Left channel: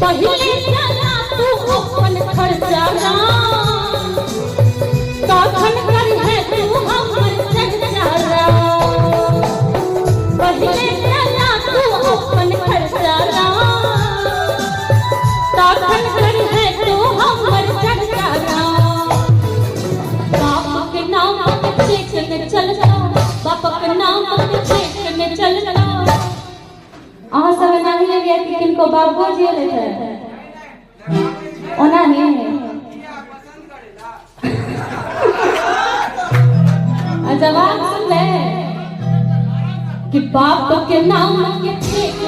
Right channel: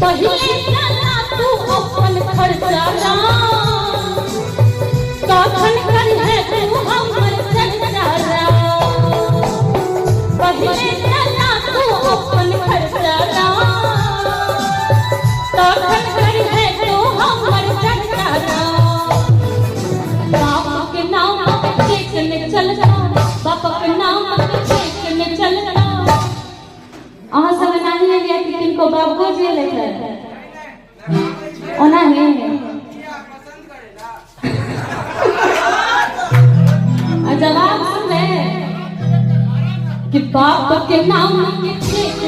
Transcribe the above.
पहिले ना तू अपन खर्चा ना काखन कर है तू हमर जगदारा पहिले ना तू अपन खर्चा ना काखन कर है तू हमर जगदारा बाप के नाम पे चेकने चलता बाप के नाम पे चेकने चलता अहाँ सब नहीं है कि किनको बाप को जे लेता है ओना नहीं जवाब सुन ले कि बाप के नाम के चेक